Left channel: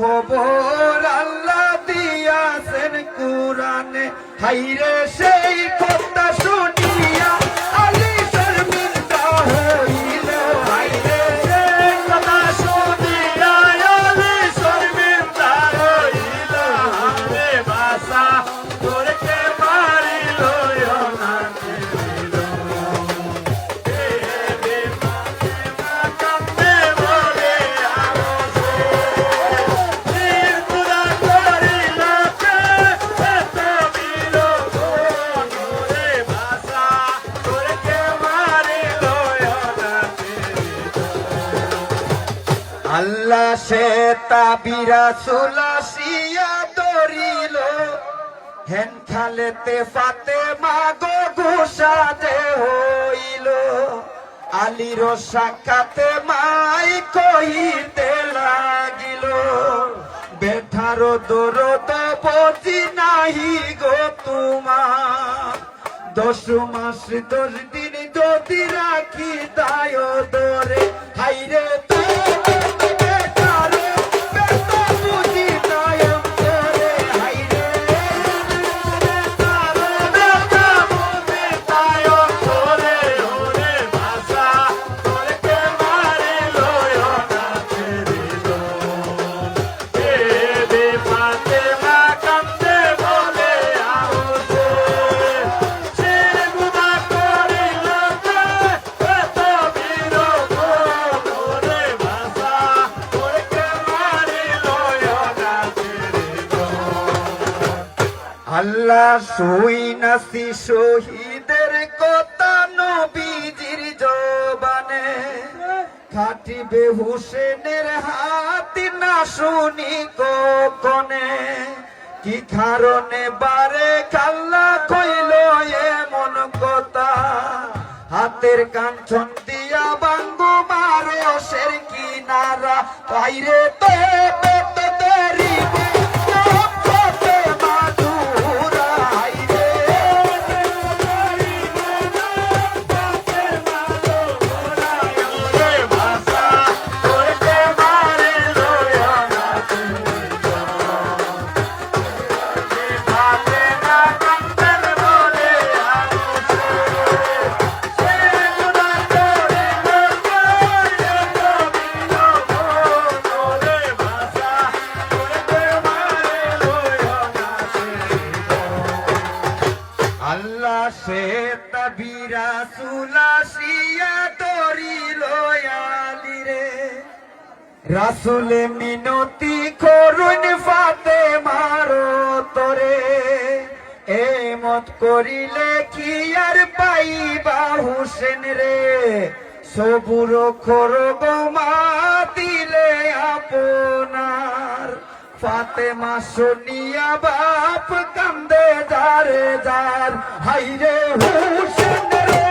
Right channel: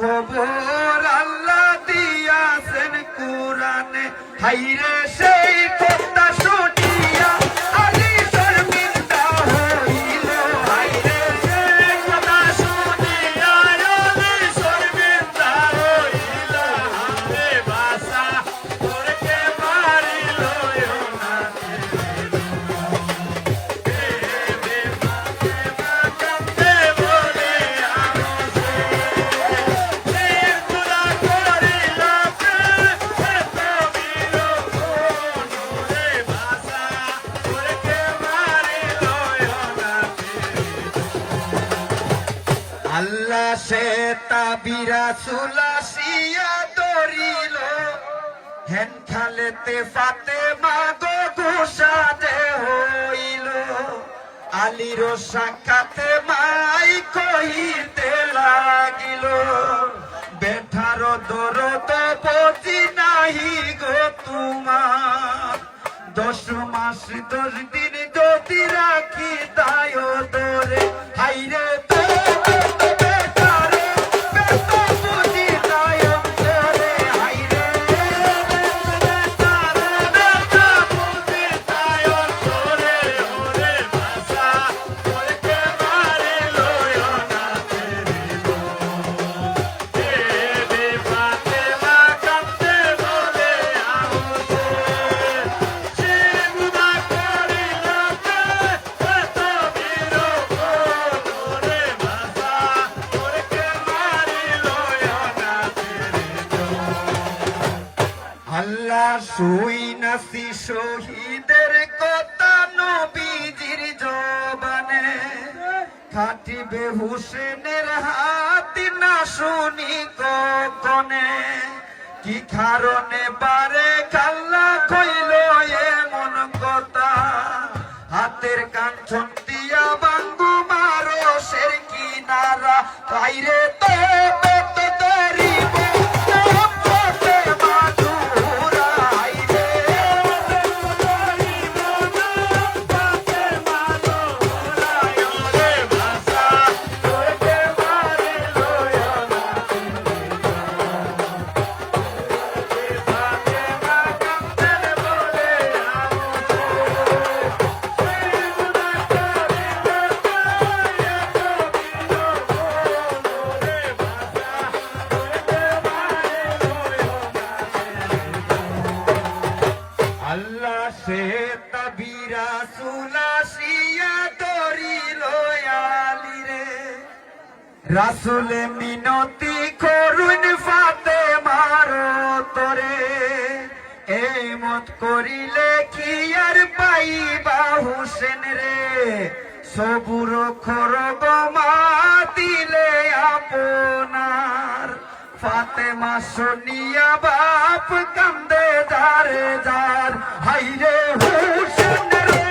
খবর আল্লাহ দিয়াছেন কুরআনে, হাইরে সেই কথা শুনিয়া আলী শর্মিন্দা হইল। হাইরে সেই কথা শুনিয়া আলী শর্মিন্দা হইল। হাতে ভাষা করতে পারিল না। আল্লাহ সে তাবিরা সুলাসিয়া ধরিল, হেন খালেতে ফাতেমা গো ঘোষাতে হইল। আলীর সাক্ষাতে মাই কহিতে লাগিল, বেঠার দরদ বুঝি নাহি গো তোমার। 10 মাস 10 দিন যদি রাখি দায় ধরে, হাইরে আল্লাহ শুই নাসি শহীদের কথা নবীজির জবানে, খাটিবে হুসেনের হাত না শুনি কখনে। কি কারণে বারে কাল্লা কইল এমন কথা, হাতের কাঞ্চন দিয়া বাঙ্গু মারিয়সের কিনারা। বাইরে তো সে তাবিরা সুলাসিয়া ধরিল আলীরে। রাসূলে মিনতি করুন ফাতেমার তরে, এই মত করিলে কি আর পাইবা হুসেন রে। সবুর করব মা দিলে আপনার, ফাতেমা শুনিয়া বাপ কান্দে যারে যার। হাইরে হুসেন রে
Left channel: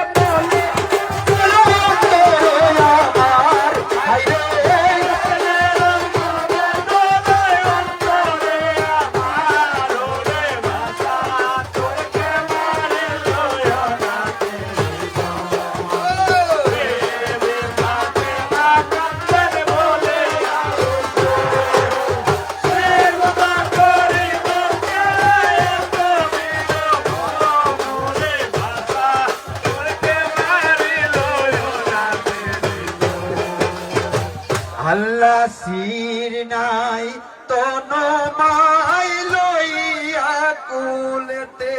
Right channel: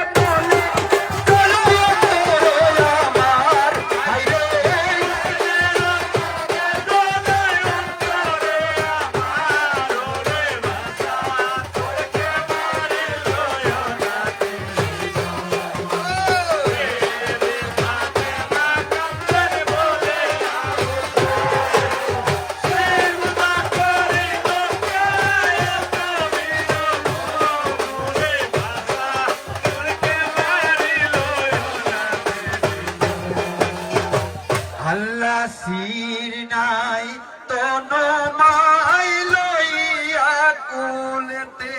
আল্লাহ সির নাই তনো মাই লইয়া কুলতে,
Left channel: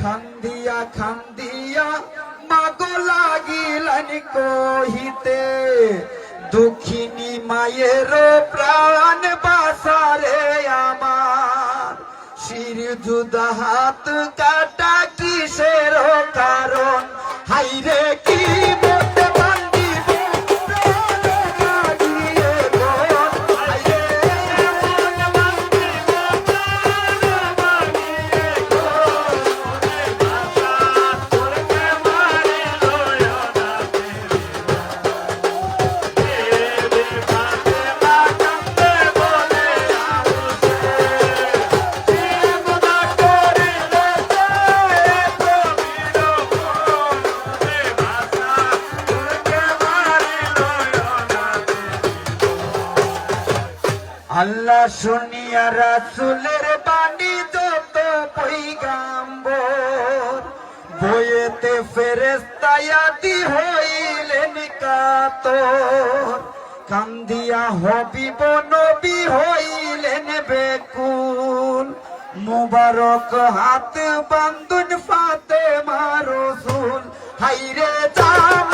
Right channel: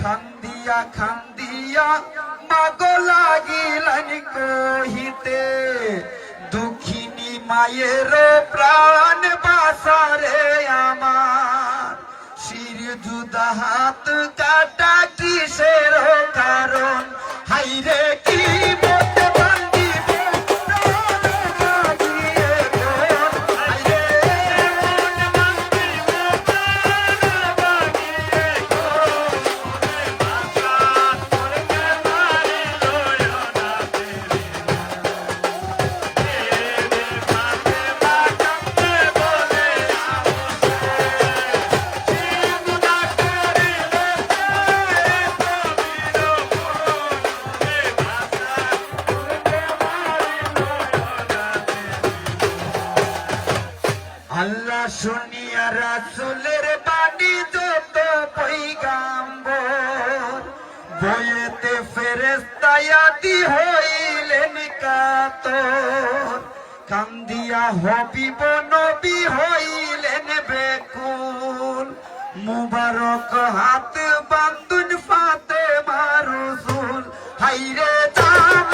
খান্দিয়া খান্দিয়া মাগো লাগিলেন কহিতে। দুঃখিনী মায়ের প্রাণ বাসারে আমার, শির জুদা হাত কাটা কিসের কারণ। হাইরে কি আল্লাহ শুনিয়া রাসূলের বাণী যত পয়গাম্বর বইয়েতে ফেরেশতায়াতি হইলেন কাতর কান্দিয়া হবিব নবী হইলেন বেকুল মুবারক হাত বান্ধুন ফাতেমা রাসূল হাইরে জান